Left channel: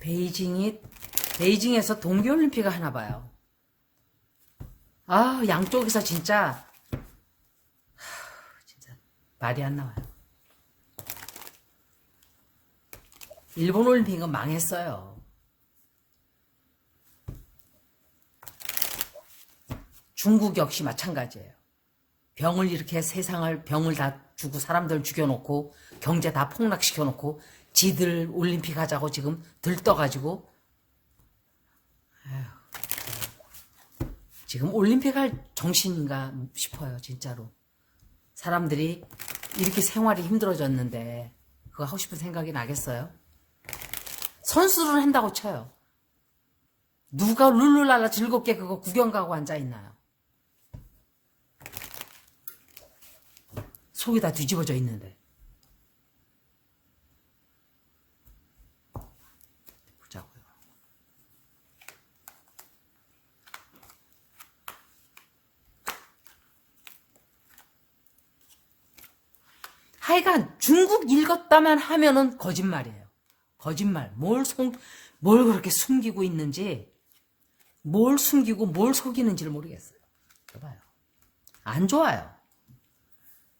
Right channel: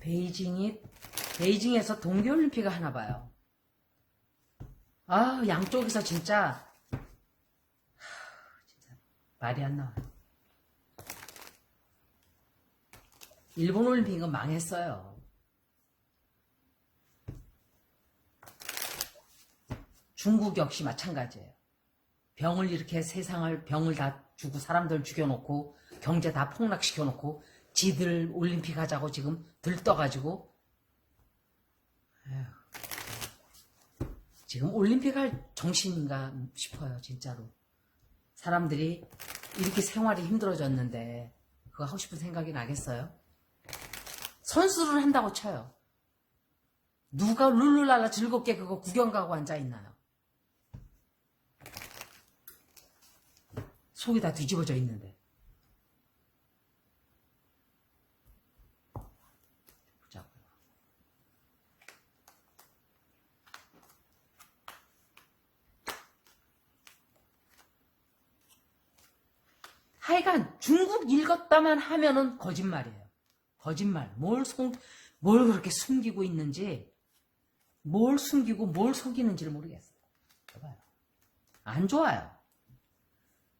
베이징에서 동계올림픽을 하나 봐요. 아, 양쪽에서 진짜 말이 안 나와요. 일본 올림픽은 망했어요. 중국 역시 마찬가지예요. 병을 다 주고 사람들 죽여놓고 경제 다 폭락시켜놓고 지들 올림픽 하자고 지금 들떠가지고 지금 올림픽 할 정신인가 싶어요. 진짜로. 사람들이 이렇게 생활이 힘들어졌는데 그거 하고 싶은 생각이 나겠어요? 선수를 한다고 쳐요. 누가 룰루랄라 즐겁게 그거 구경 가고 앉아있나요? 속이 다 뒤집어져 있는데. 보자고요. 하여간 중국 읽었다만 하면은 거짓말이에요. 거짓말. 뭘 그렇게 숨기고 있는지, 뭘 숨기고 뭘 속이는지를 모르겠어요. 봐봐요. 안 좋아요.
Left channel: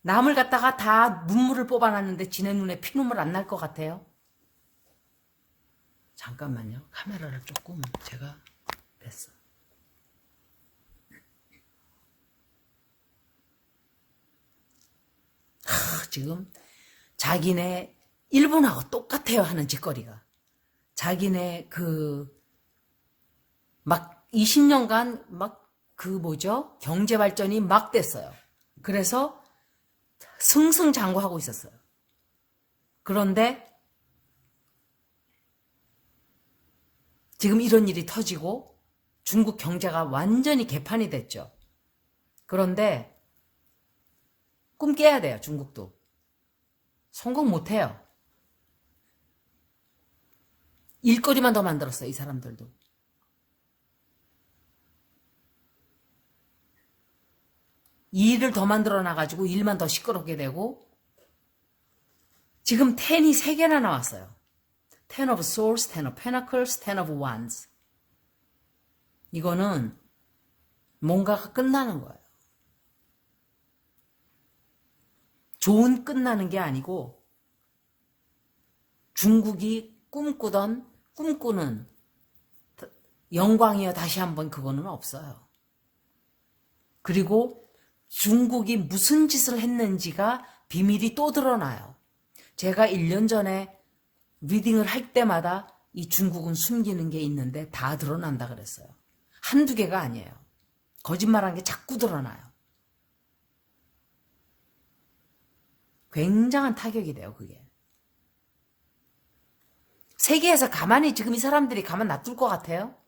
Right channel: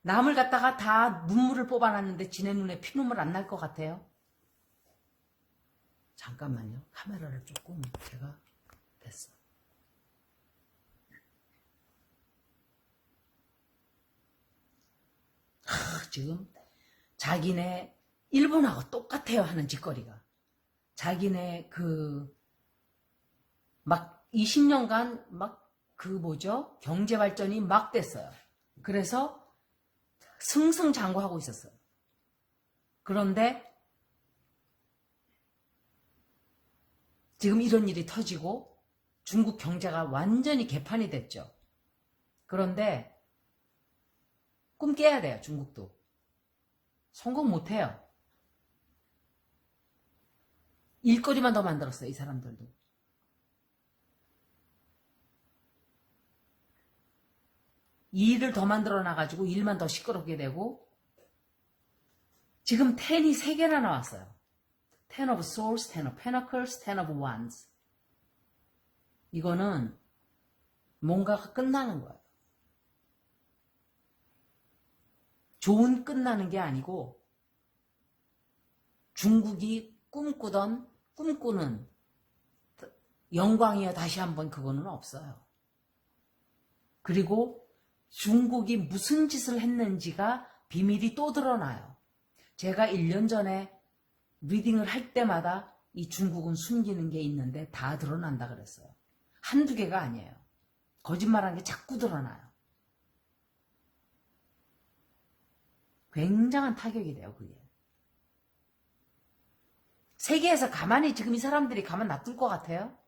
남을 갖다가 다 눈물을 뽑아놨는데 지네 눈에 피눈물 안 날 것 같아요? 잠깐만요. 카메라를 조금 제가 됐어. 지금 자기네 일본하고 똑같아요 하는 짓거리가. 자기네 막 20년간 경제 발전이 막 됐어요. 그래서 승승장구하고 있었어요. 그런데 지금 이런 일이 터지고 중국 경제가 완전히 개판이 됐죠. 그런데 꿈 깨야 돼요. 중국도. 성공 못해요. 일거리만 더 만들었어요. 이 사람들도. 일을 더 만들어놔가지고 일만 더 시끄럽게 되고 지금 10이 3개나 나왔어요. 10 of swords, 10 of pentacles, 10 of wands. 이거는 뭔가가 끝나는 거예요. 좋은 끝나는 게 아니고 중국이 꿈꾸는 영광이여 다시 한번 그거는 없어요. 그리고 중국이 무슨 짓을 했는지가 비밀이 또 드러나요. 제가 1년 전에 리딩을 할 때마다 이 중국은 숨기는 게 있는데 다 드러난다 그랬어요. 한두 개가 아니에요. 거짓말한 게 자꾸 드러나요. 굉장한 타격이 돼요, 그게. 세계에서 가만히 지금 이 사람들이 가만 놔둘 것 같아요?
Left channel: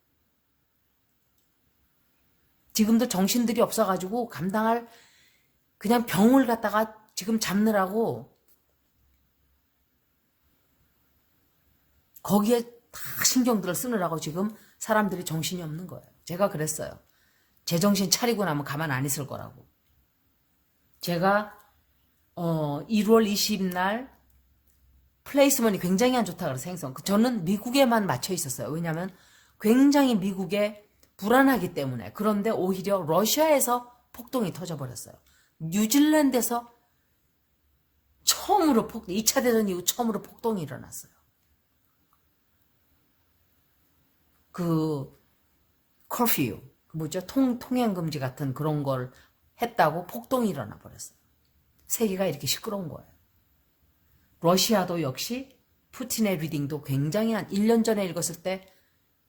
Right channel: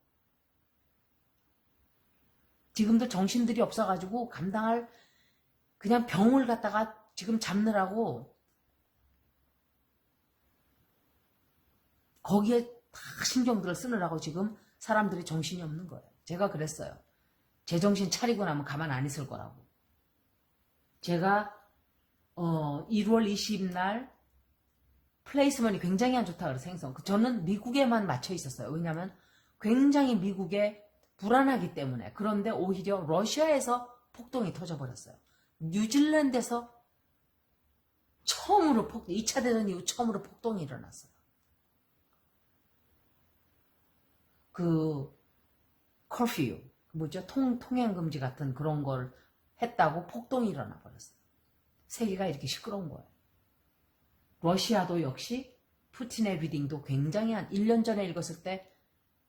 지금도 정신들이 없어가지고 감당할 그냥 병을 갖다가 지금 잡느라고 거기에 다 신경들을 쓰느라고 지금 사람들이 정신이 없는 거예요. 제가 그랬어요. 제 정신 차리고 나면 가만 안 있을 거라고. 제가 1월 20일 날 플레이스먼이 굉장히 안 좋다 그래서 생성. 저는 미국에만 맞춰 있었어요. 왜냐하면 굉장히 미국에 불안하기 때문에. 그런데 오히려 러시아에서 폭동이 터져버렸어요. 뉴질랜드에서 처음으로 2차 대전 이후 처음으로 폭동이 일어났어요. 커퓨, 통행금지 같은 그런 걸 했다고 폭동이 일어나 버렸어요. 세계가 이렇게 시끄러운 거예요. 러시아도 역시 푸틴의 리딩도 굉장히 한 1년 전에 읽었을 때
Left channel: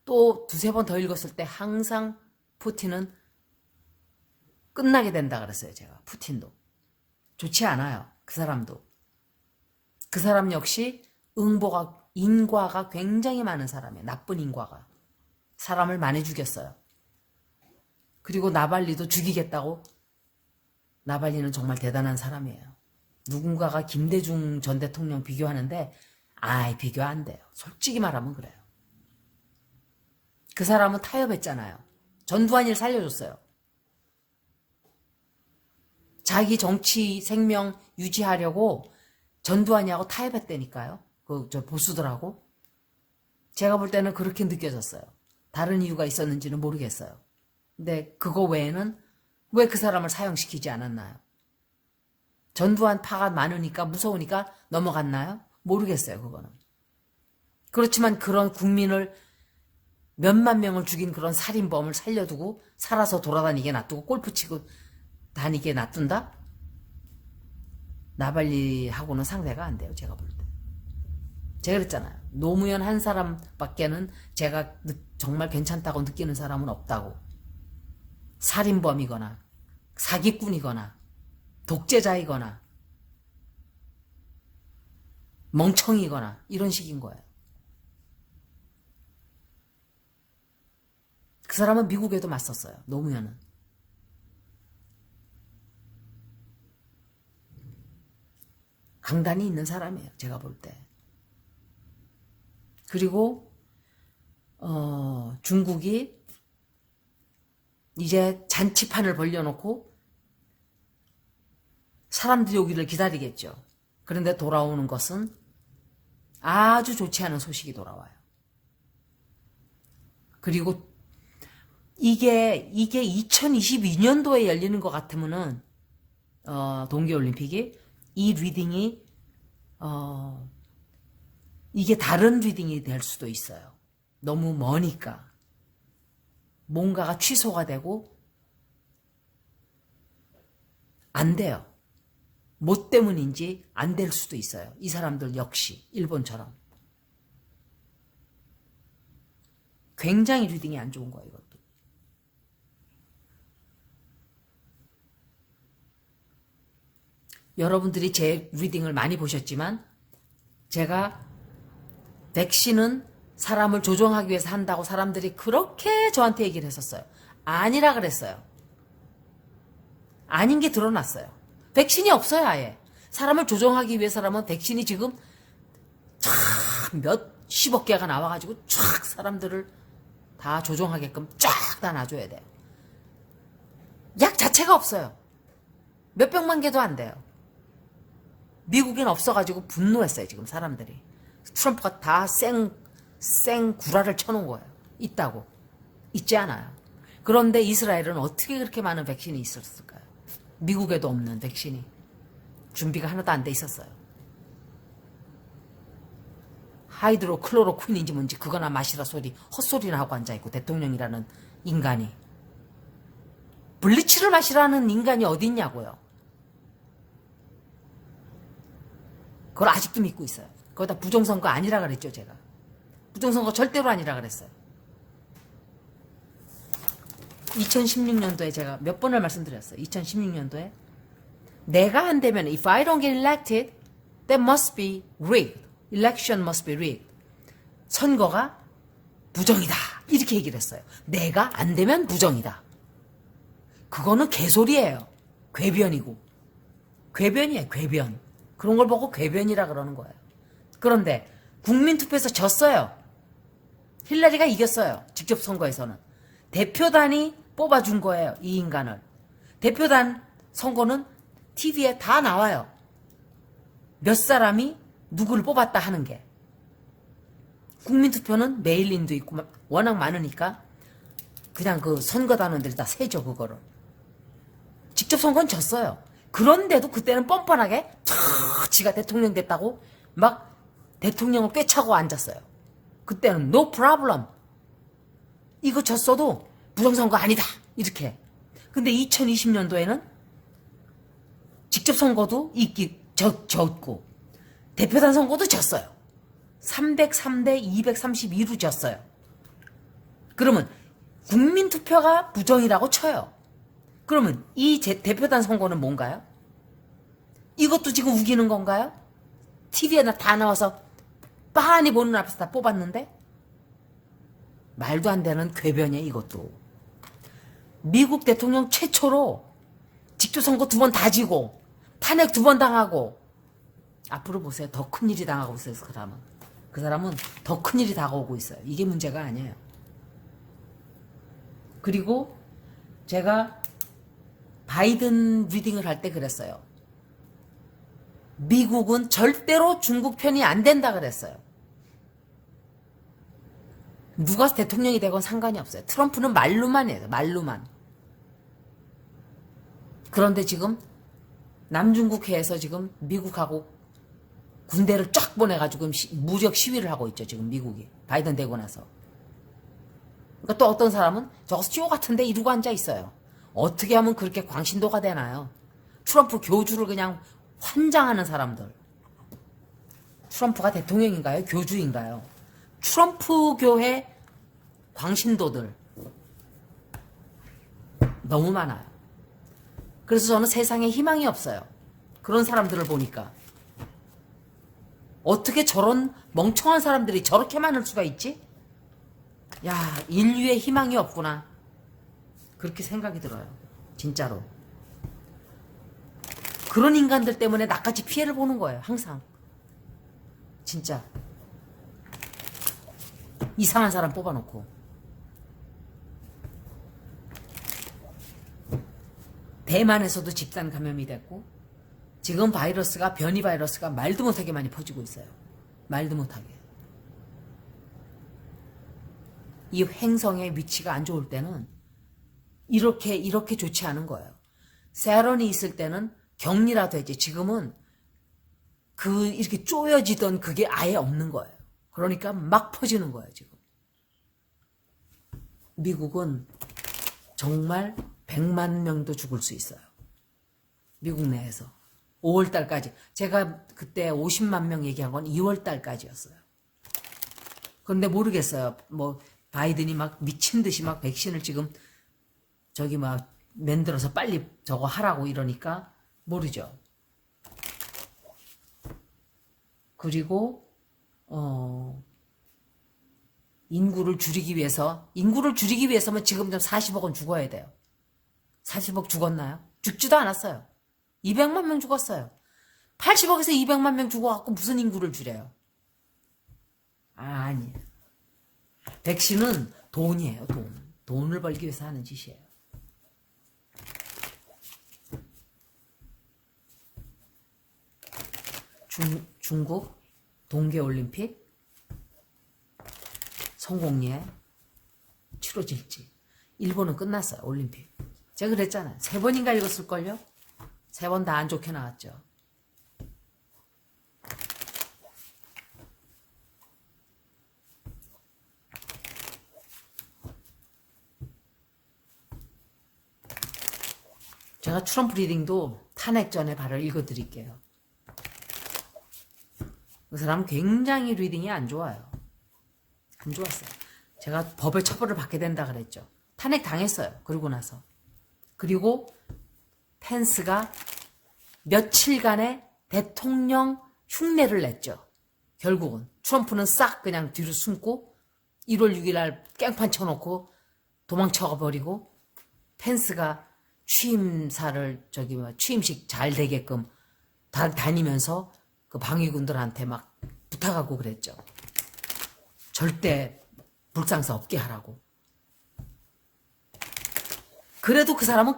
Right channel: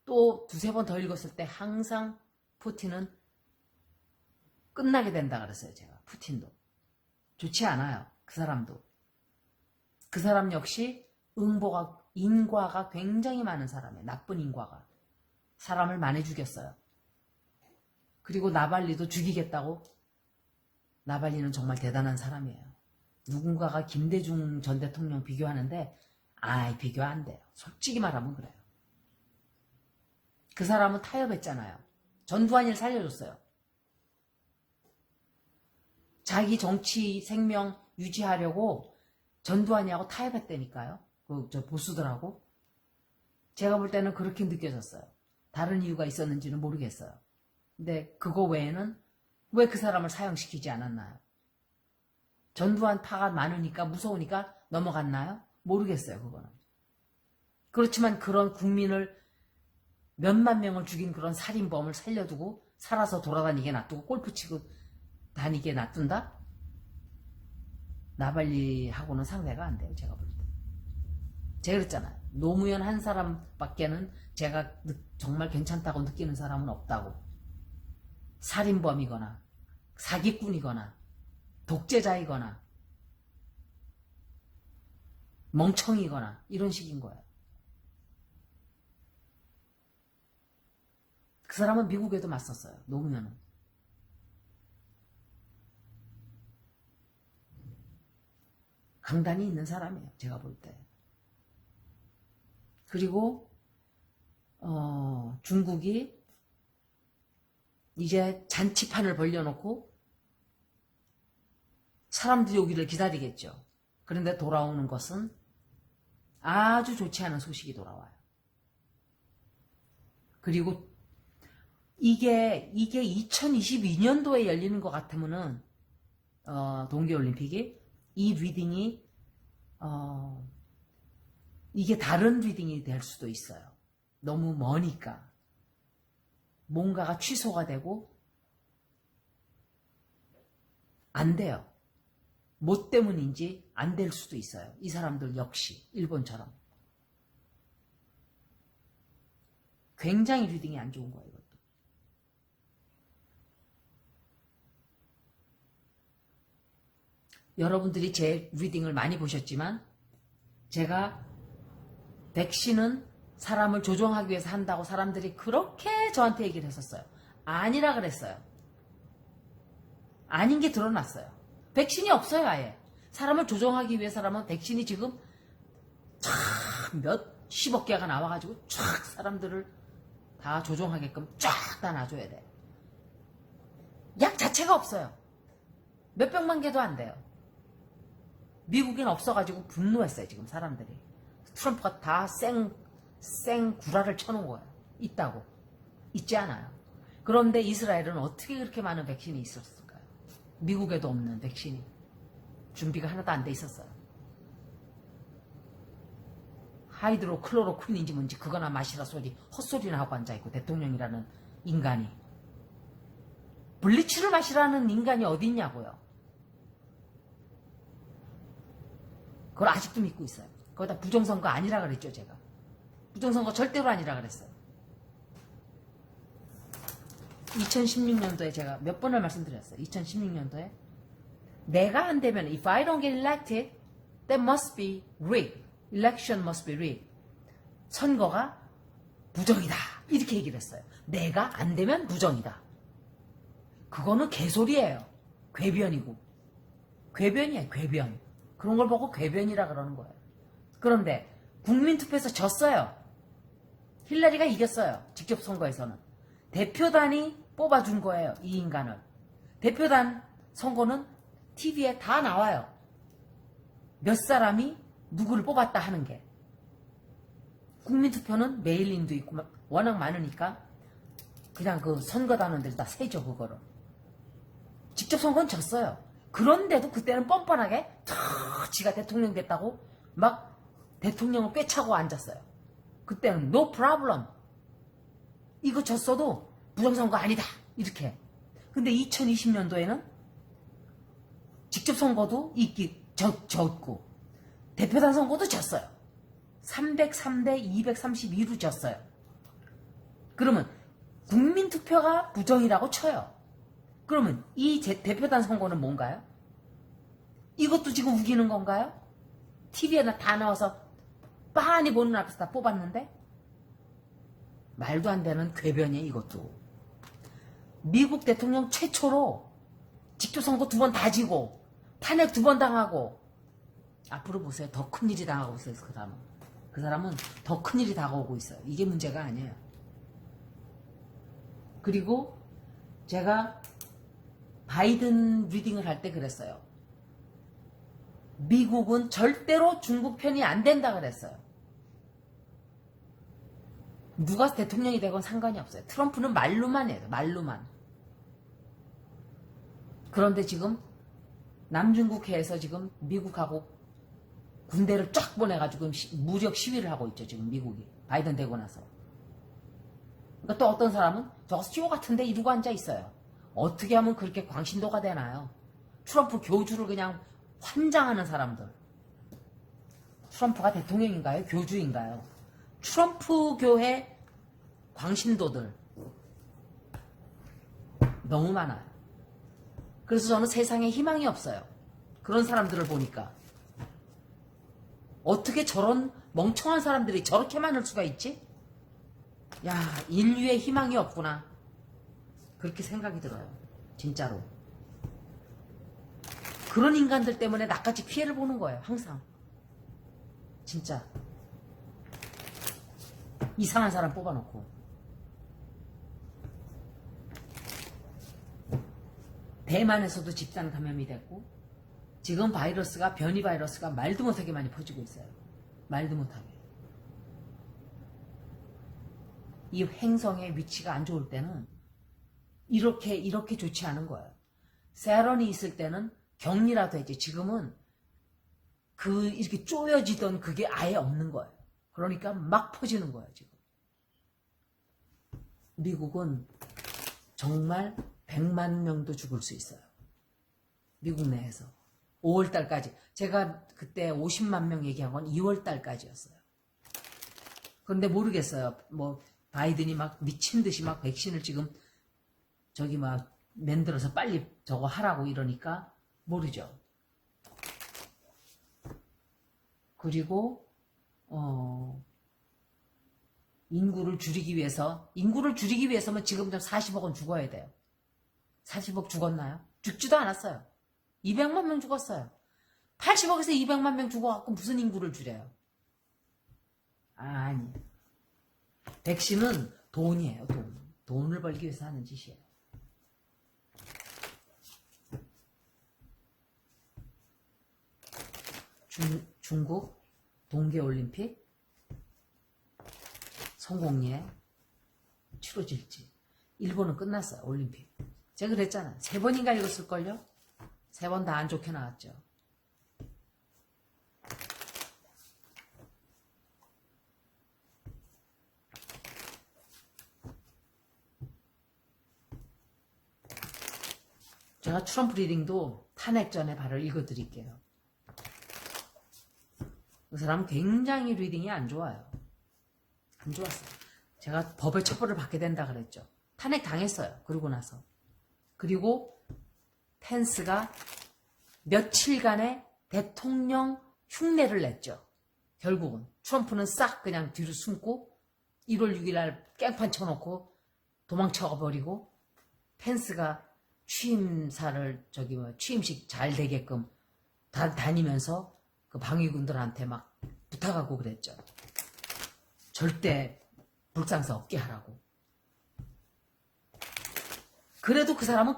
또 두세 번 더 읽었을 때 항상 푸틴은 끝나게 된다 그랬어요. 제가 푸틴도 좋지 않아요. 그 사람도. 그 사람 역시 인과가 굉장히 많은 사람이에요. 나쁜 인과가. 사람을 많이 죽였어요. 그리고 나발리도 죽이겠다고. 나발리는 정말 대단한 사람이에요. 누군가가 김대중 전 대통령 비교하는데 비교 안 돼요. 솔직히 말하면 그래요. 그 사람은 타협했잖아요. 전두환이를 살려줬어요. 자기 정치 생명 유지하려고 전두환이하고 타협했다니까요. 보수들하고. 제가 볼 때는 그렇게 느껴졌어요. 다른 이유가 있었는지는 모르겠어요. 근데 그거 외에는 왜 그 사람을 사형시키지 않았나요? 전두환 파가 많으니까 무서우니까 넘어갔나요? 모르겠어요. 그거는. 그렇지만 그런 국민을 몇만 명을 죽인 그런 살인범을 살려두고 살아서 돌아다니게 놔두고 골프 치고 다니게 놔둔다? 나발리하고는 상대가 안 돼요. 제가 볼 때. 제가 그랬잖아요. 노무현 한 사람밖에는 제가 정말 괜찮다고 느끼는 사람은 없다고. 살인범이거나 사기꾼이거나 독재자이거나 멍청이거나 이런 식인 거예요. 그 사람은 미국에도 맞섰어요. 노무현은. 강단이 있는 사람이에요. 제가 볼 때. 그리고 중국이 이제 잔치판을 벌려놓고 사람들이 오기를 기다리겠죠. 그런데 돌아오는 것은 아주 좋지 않은 소식이 돌아와요. 그리고 이게 2022년도에 열리는 것 같으면은 동계올림픽이 이 리딩이 이게 다른 리딩이 될 수도 있어요. 너무 머니까 뭔가가 취소가 되고 안 돼요. 뭐 때문인지 안 될 수도 있어요. 이 사람들 역시 일본처럼 굉장히 리딩이 안 좋은 거예요. 이것도. 여러분들이 제 리딩을 많이 보셨지만 제가 백신은 사람을 조종하기 위해서 한다고 사람들이 그렇게 저한테 얘기를 했었어요. 아니라 그랬어요. 아닌 게 드러났어요. 백신이 없어요. 아예. 사람을 조종하기 위해서라면 백신이 지금 몇십억 개가 나와가지고 쫙 사람들을 다 조종하게끔 쫙 다 놔줘야 돼요. 약 자체가 없어요. 몇백만 개도 안 돼요. 미국엔 없어가지고 분노했어요. 지금 사람들이. 트럼프가 다 생 구라를 쳐놓은 거예요. 있다고. 있지 않아요. 그런데 이스라엘은 어떻게 그렇게 많은 백신이 있었을까요? 미국에도 없는 백신이. 준비가 하나도 안 돼 있었어요. 하이드로클로로퀸인지 뭔지 그거나 마시라 소리 헛소리나 하고 앉아있고 대통령이라는 인간이. 블리치를 마시라는 인간이 어디 있냐고요. 그걸 아직도 믿고 있어요. 거기다 부정선거 아니라 그랬죠. 제가. 부정선거 절대로 아니라 그랬어요. 2016년도에 제가 몇 번을 말씀드렸어요. 2016년도에 내가 안 되면 if I don't get elected, that must be rigged. Election must be rigged. 선거가 부정이다. 이렇게 얘기를 했어요. 내가 안 되면 부정이다. 그거는 개소리예요. 궤변이고. 궤변이에요. 궤변. 그런 걸 보고 궤변이라 그러는 거예요. 그런데 국민투표에서 졌어요. 힐러리가 이겼어요. 직접 선거에서는. 대표단이 뽑아준 거예요. 이 인간을. 대표단 선거는 TV에 다 나와요. 몇 사람이 누구를 뽑았다 하는 게. 국민투표는 메일린도 있고 워낙 많으니까 그냥 그 선거단원들이 다 세죠. 그거를. 직접 선거는 졌어요. 그런데도 그때는 뻔뻔하게 지가 대통령 됐다고 막 대통령을 꿰차고 앉았어요. 그때는 no problem. 이거 졌어도 부정선거 아니다. 이렇게. 근데 2020년도에는 직접 선거도 졌고 대표단 선거도 졌어요. 303대 232로 졌어요. 그러면 국민투표가 부정이라고 쳐요. 그러면 이 대표단 선거는 뭔가요? 이것도 지금 우기는 건가요? TV에 다 나와서 빤히 보는 앞에서 다 뽑았는데? 말도 안 되는 궤변이에요. 이것도. 미국 대통령 최초로 직접 선거 2번 다 지고 탄핵 2번 당하고 앞으로 보세요. 더 큰 일이 당하고 있어요. 그 사람은 더 큰 일이 다가오고 있어요. 이게 문제가 아니에요. 그리고 제가 바이든 리딩을 할 때 그랬어요. 미국은 절대로 중국 편이 안 된다 그랬어요. 누가 대통령이 되건 상관이 없어요. 트럼프는 말로만 해요. 말로만. 그런데 지금 남중국해에서 지금 미국하고 군대를 쫙 보내가지고 무력 시위를 하고 있죠. 지금 미국이. 바이든 되고 나서. 그러니까 또 어떤 사람은 저거 쇼 같은데 이러고 앉아 있어요. 어떻게 하면 그렇게 광신도가 되나요? 트럼프 교주를 그냥 환장하는 사람들. 트럼프가 대통령인가요? 교주인가요? 트럼프 교회 광신도들 너무 많아요. 그래서 저는 세상에 희망이 없어요. 그런 사람들을 보니까. 어떻게 저런 멍청한 사람들이 저렇게 많을 수가 있지? 야, 인류의 희망이 없구나. 그렇게 생각이 들어요. 진짜로. 그런 인간들 때문에 나같이 피해를 보는 거예요. 항상. 진짜. 이상한 사람 뽑아놓고. 대만에서도 집단 감염이 됐고 지금 바이러스가 변이 바이러스가 말도 못하게 많이 퍼지고 있어요. 말도 못하게. 이 행성의 위치가 안 좋을 때는 이렇게 좋지 않은 거예요. 세런이 있을 때는 격리라도 했지. 지금은 이렇게 쪼여지던 그게 아예 없는 거예요. 그러니까 막 퍼지는 거예요, 지금. 미국은 정말 100만 명도 죽을 수 있어요. 미국 내에서. 5월달까지. 제가 그때 50만 명 얘기한 건 2월달까지였어요. 그런데 모르겠어요. 뭐 바이든이 막 미친 듯이 막 백신을 지금 저기 막 만들어서 빨리 저거 하라고 이러니까 모르죠. 그리고 인구를 줄이기 위해서면 지금 좀 40억은 죽어야 돼요. 40억 죽었나요? 죽지도 않았어요. 200만 명 죽었어요. 80억에서 200만 명 죽어갖고 무슨 인구를 줄여요? 아니에요. 백신은 돈이에요. 돈을 벌기 위해서 하는 짓이에요. 중국 동계올림픽 성공리에 치러질지. 일본은 끝났어요. 올림픽. 제가 그랬잖아요. 3번인가 읽었을걸요? 3번 다 안 좋게 나왔죠. 제가 트럼프 리딩도 탄핵 전에 바로 읽어드릴게요. 그 사람은 굉장히 리딩이 안 좋아요. 안 좋았어요. 제가 법의 처벌을 받게 된다 그랬죠. 탄핵 당했어요. 그러고 나서. 그리고 펜스가 며칠간의 대통령 흉내를 냈죠. 결국은 트럼프는 싹 그냥 뒤로 숨고 1월 6일 날 깽판 쳐놓고 도망쳐 버리고 펜스가 취임사를 취임식 잘 되게끔 다니면서 그 방위군들한테 막 부탁하고 그랬죠. 절대 불상사 없게 하라고. 그래도 그 사람은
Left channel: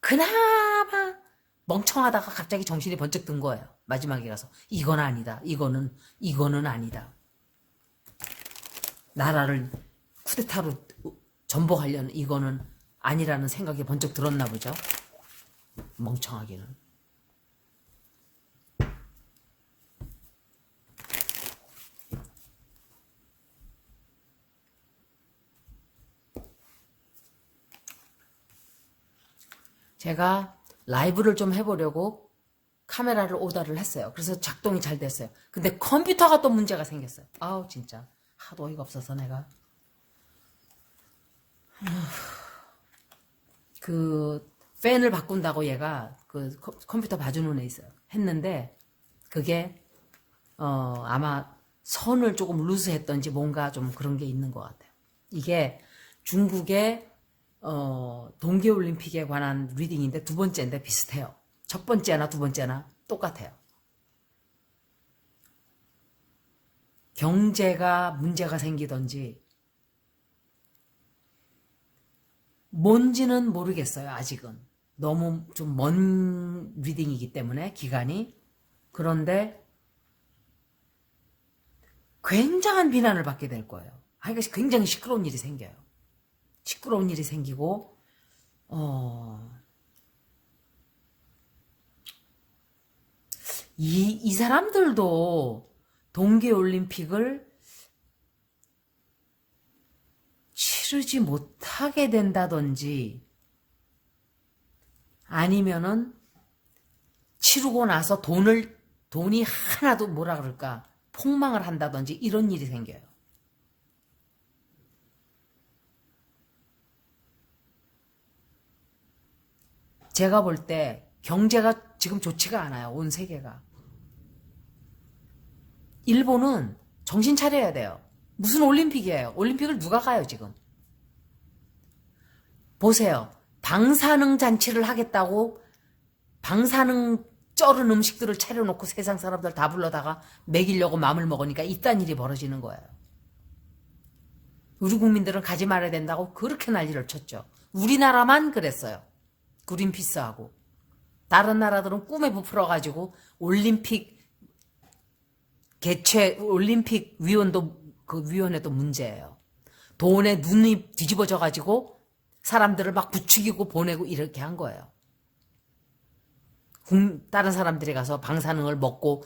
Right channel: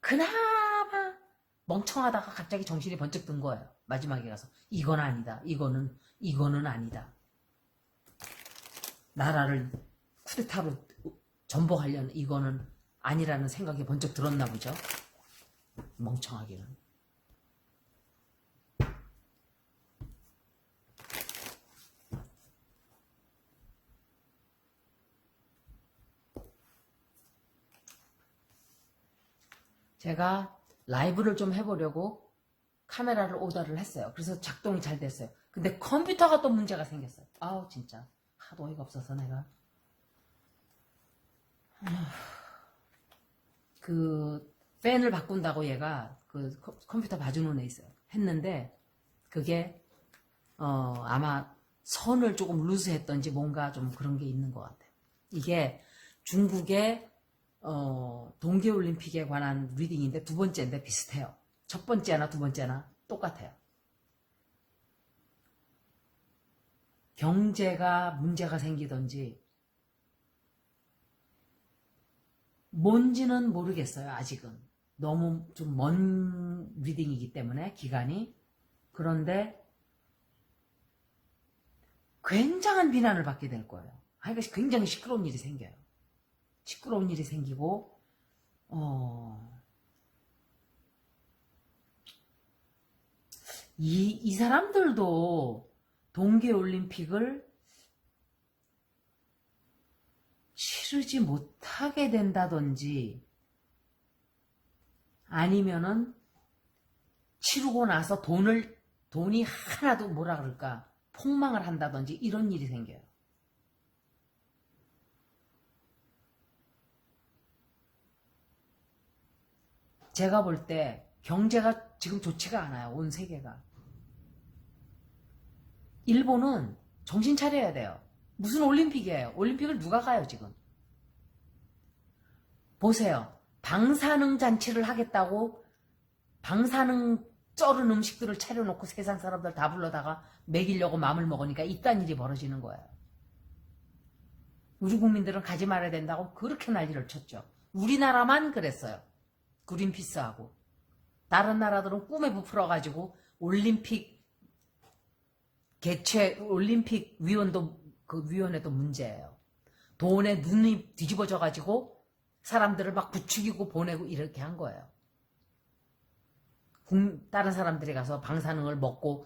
그나마 멍청하다가 갑자기 정신이 번쩍 든 거예요. 마지막에 가서 이건 아니다. 이거는 아니다. 나라를 쿠데타로 전복하려는 이거는 아니라는 생각이 번쩍 들었나 보죠. 멍청하기는. 제가 라이브를 좀 해보려고 카메라를 오더를 했어요. 그래서 작동이 잘 됐어요. 근데 컴퓨터가 또 문제가 생겼어요. 아우 진짜 하도 어이가 없어서 내가 그 팬을 바꾼다고 얘가 그 컴퓨터 봐주는 애 있어요. 했는데 그게 아마 선을 조금 루즈했던지 뭔가 좀 그런 게 있는 것 같아요. 이게 중국의 동계올림픽에 관한 리딩인데 두 번째인데 비슷해요. 첫 번째나 두 번째나 똑같아요. 경제가 문제가 생기던지 뭔지는 모르겠어요. 아직은. 너무 좀 먼 리딩이기 때문에 기간이. 그런데 굉장한 비난을 받게 될 거예요. 하여간 굉장히 시끄러운 일이 생겨요. 시끄러운 일이 생기고 이 사람들도 동계올림픽을 치르지 못하게 된다든지 아니면은 치르고 나서 돈이 하나도 뭐라 그럴까 폭망을 한다든지 이런 일이 생겨요. 제가 볼 때 경제가 지금 좋지가 않아요. 온 세계가. 일본은 정신 차려야 돼요. 무슨 올림픽이에요? 올림픽을 누가 가요 지금? 보세요. 방사능 잔치를 하겠다고 방사능 쩔은 음식들을 차려놓고 세상 사람들 다 불러다가 먹이려고 마음을 먹으니까 이딴 일이 벌어지는 거예요. 우리 국민들은 가지 말아야 된다고 그렇게 난리를 쳤죠. 우리나라만 그랬어요. 그린피스하고. 다른 나라들은 꿈에 부풀어가지고 올림픽 위원도 그 위원회도 문제예요. 돈에 눈이 뒤집어져가지고 사람들을 막 부추기고 보내고 이렇게 한 거예요. 다른 사람들이 가서 방사능을 먹고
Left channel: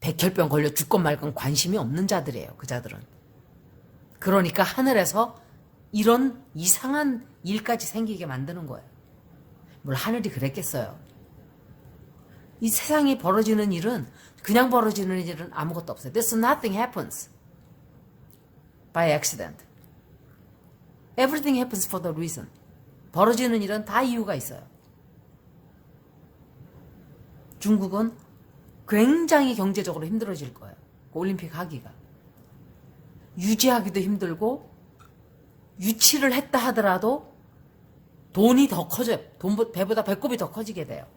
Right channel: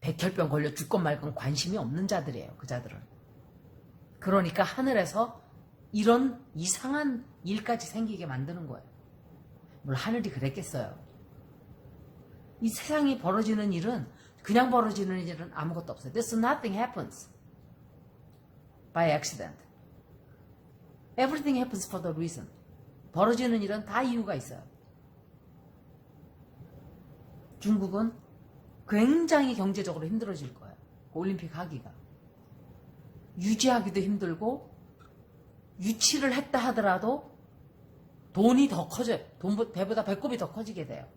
백혈병 걸려 죽건 말건 관심이 없는 자들이에요. 그 자들은. 그러니까 하늘에서 이런 이상한 일까지 생기게 만드는 거예요. 뭘 하늘이 그랬겠어요. 이 세상에 벌어지는 일은 그냥 벌어지는 일은 아무것도 없어요. There's nothing happens by accident. Everything happens for the reason. 벌어지는 일은 다 이유가 있어요. 중국은 굉장히 경제적으로 힘들어질 거예요. 올림픽 하기가. 유지하기도 힘들고 유치를 했다 하더라도 돈이 더 커져요. 배보다 배꼽이 더 커지게 돼요.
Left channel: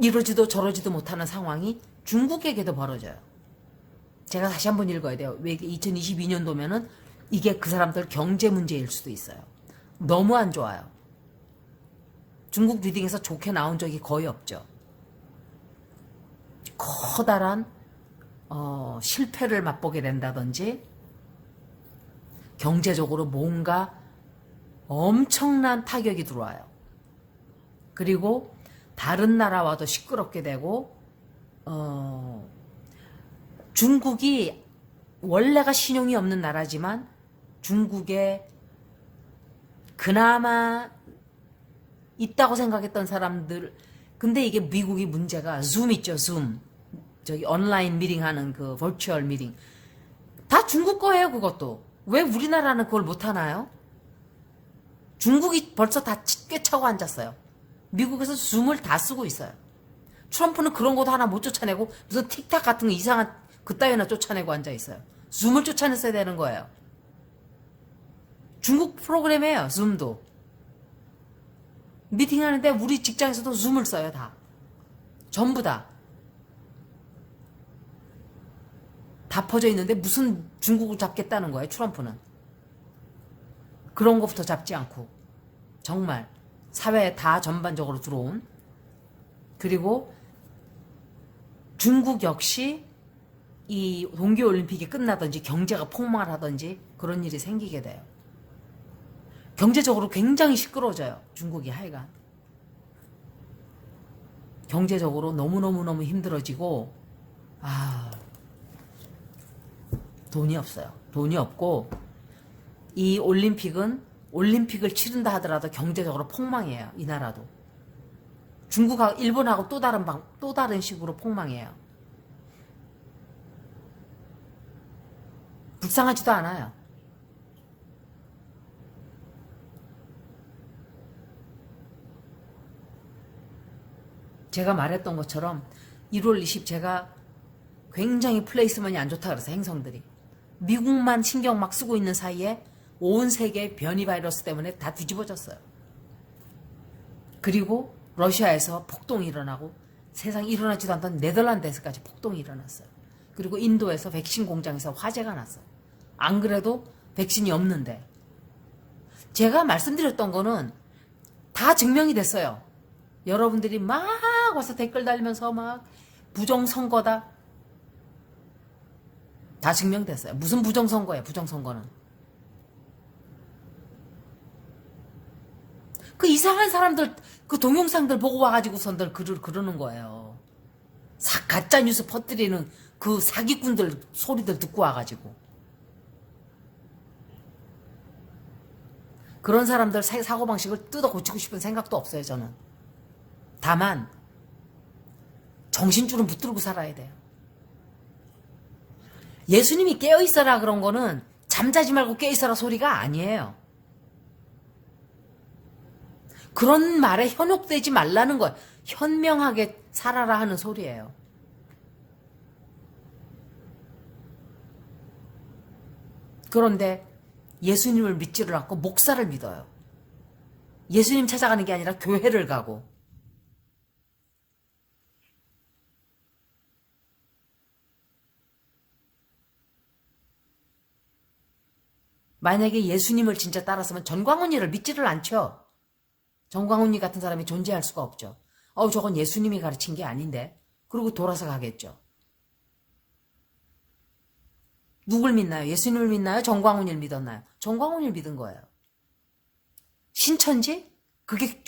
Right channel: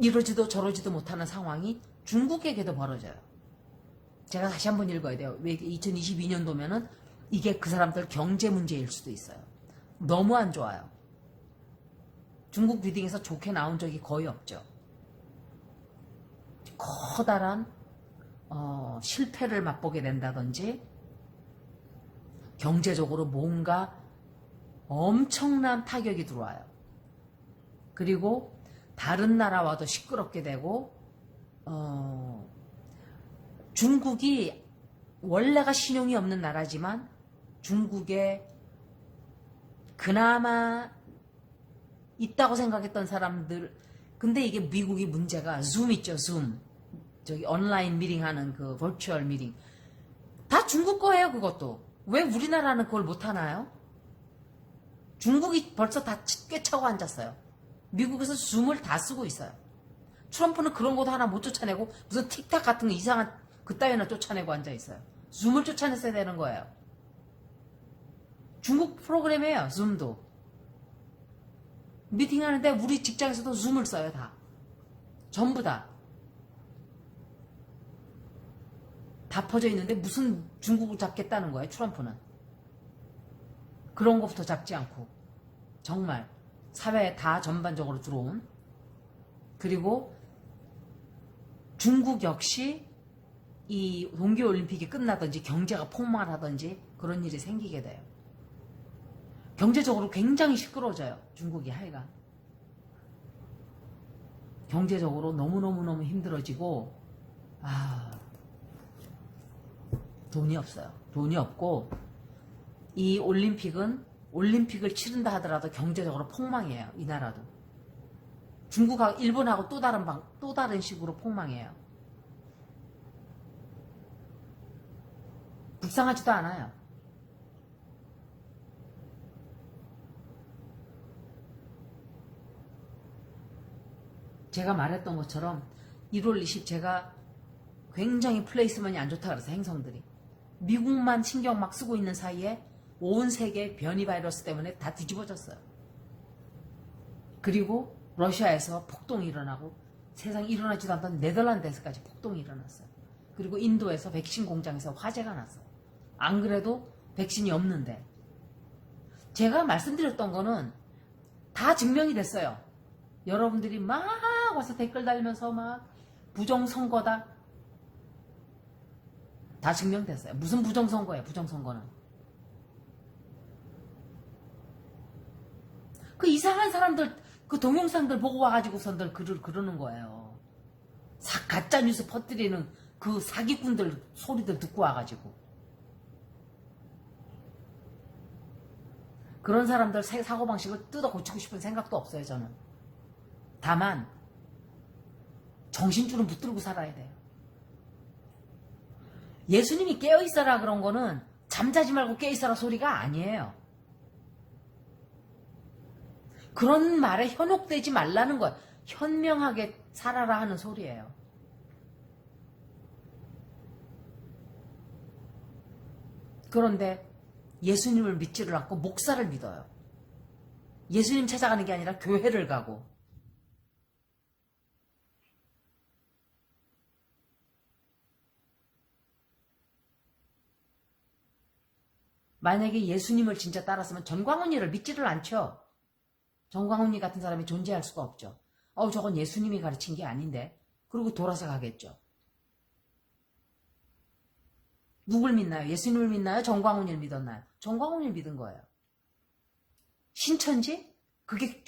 이러지도 저러지도 못하는 상황이 중국에게도 벌어져요. 제가 다시 한번 읽어야 돼요. 왜 2022년도면은 이게 그 사람들 경제 문제일 수도 있어요. 너무 안 좋아요. 중국 리딩에서 좋게 나온 적이 거의 없죠. 커다란 실패를 맛보게 된다든지 경제적으로 뭔가 엄청난 타격이 들어와요. 그리고 다른 나라와도 시끄럽게 되고 중국이 원래가 신용이 없는 나라지만 중국에 그나마 있다고 생각했던 사람들 근데 이게 미국이 문제가 줌 있죠. 줌 저기 온라인 미팅하는 그 버추얼 미팅 다 중국 거예요. 그것도 왜 우리나라는 그걸 못하나요? 중국이 벌써 다 꿰차고 앉았어요. 미국에서 줌을 다 쓰고 있어요. 트럼프는 그런 것도 하나 못 쫓아내고 무슨 틱탁 같은 거 이상한 그따위나 쫓아내고 앉아있어요. 줌을 쫓아냈어야 되는 거예요. 중국 프로그램이에요. 줌도. 미팅하는데 우리 직장에서도 줌을 써요. 다. 전부 다. 다 퍼져 있는데 무슨 중국을 잡겠다는 거예요. 트럼프는. 그런 것부터 잡지 않고 정말 사회에 다 전반적으로 들어온 그리고 중국 역시 이 동계올림픽이 끝나든지 경제가 폭망을 하든지 그런 일이 생기게 돼요. 경제적으로 굉장히 시끄러워져요. 중국이 하여간. 경제적으로 너무너무너무 힘들어지고 돈이 없어요. 돈이 없고 이 올림픽을 치른다 하더라도 경제적으로 폭망이에요. 이 나라도. 중국하고 일본하고 또 다른 식으로 폭망이에요. 불쌍하지도 않아요. 제가 말했던 것처럼 1월 20 제가 굉장히 플레이스먼이 안 좋다 그래서 행성들이 미국만 신경 막 쓰고 있는 사이에 온 세계 변이 바이러스 때문에 다 뒤집어졌어요. 그리고 러시아에서 폭동이 일어나고 세상에 일어나지도 않던 네덜란드에서까지 폭동이 일어났어요. 그리고 인도에서 백신 공장에서 화재가 났어요. 안 그래도 백신이 없는데 제가 말씀드렸던 거는 다 증명이 됐어요. 여러분들이 막 와서 댓글 달면서 막 부정선거다. 다 증명됐어요. 무슨 부정선거예요, 부정선거는. 그 이상한 사람들, 그 동영상들 보고 와가지고선들 그러는 거예요. 가짜뉴스 퍼뜨리는 그 사기꾼들 소리들 듣고 와가지고. 그런 사람들 사고방식을 뜯어 고치고 싶은 생각도 없어요, 저는. 다만 정신줄은 붙들고 살아야 돼요. 예수님이 깨어있어라 그런 거는 잠자지 말고 깨어있어라 소리가 아니에요. 그런 말에 현혹되지 말라는 거예요. 현명하게 살아라 하는 소리예요. 그런데 예수님을 믿지를 않고 목사를 믿어요. 예수님 찾아가는 게 아니라 교회를 가고. 만약에 예수님을 진짜 따랐으면 전광훈이를 믿지를 않죠. 전광훈이 같은 사람이 존재할 수가 없죠. 저건 예수님이 가르친 게 아닌데. 그리고 돌아서 가겠죠. 누굴 믿나요? 예수님을 믿나요? 전광훈이를 믿었나요? 전광훈이를 믿은 거예요. 신천지? 그게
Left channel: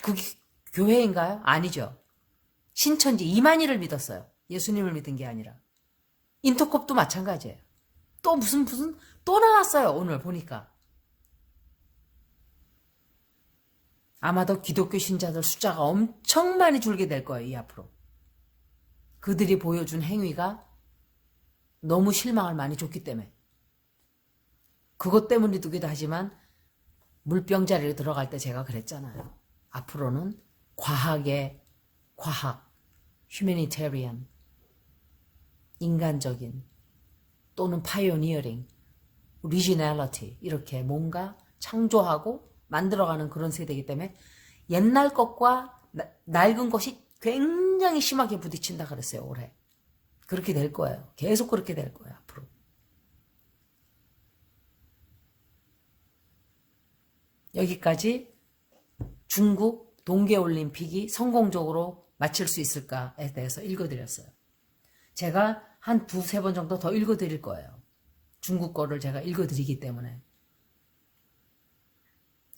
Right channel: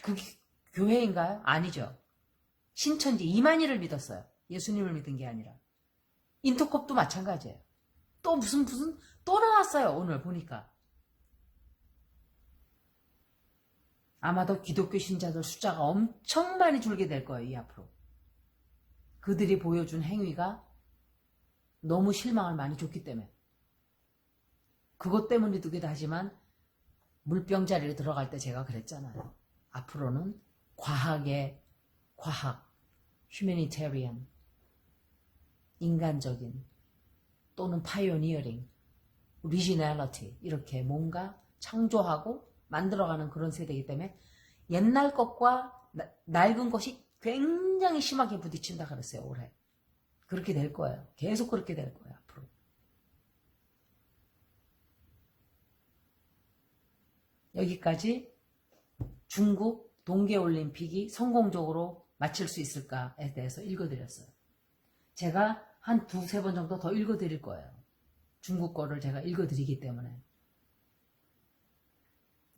교회인가요? 아니죠. 신천지 이만희를 믿었어요. 예수님을 믿은 게 아니라. 인터컵도 마찬가지예요. 또 무슨 또 나왔어요. 오늘 보니까. 아마도 기독교 신자들 숫자가 엄청 많이 줄게 될 거예요. 이 앞으로. 그들이 보여준 행위가 너무 실망을 많이 줬기 때문에. 그것 때문이기도 하지만 물병자리로 들어갈 때 제가 그랬잖아요. 앞으로는 과학, 휴머니테리언, 인간적인 또는 파이오니어링, 리지널리티 이렇게 뭔가 창조하고 만들어가는 그런 세대이기 때문에 옛날 것과 낡은 것이 굉장히 심하게 부딪힌다 그랬어요. 올해. 그렇게 될 거예요. 계속 그렇게 될 거예요. 앞으로. 여기까지 중국 동계올림픽이 성공적으로 마칠 수 있을까에 대해서 읽어드렸어요. 제가 한 두세 번 정도 더 읽어드릴 거예요. 중국 거를 제가 읽어드리기 때문에.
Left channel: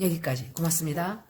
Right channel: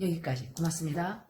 여기까지. 고맙습니다.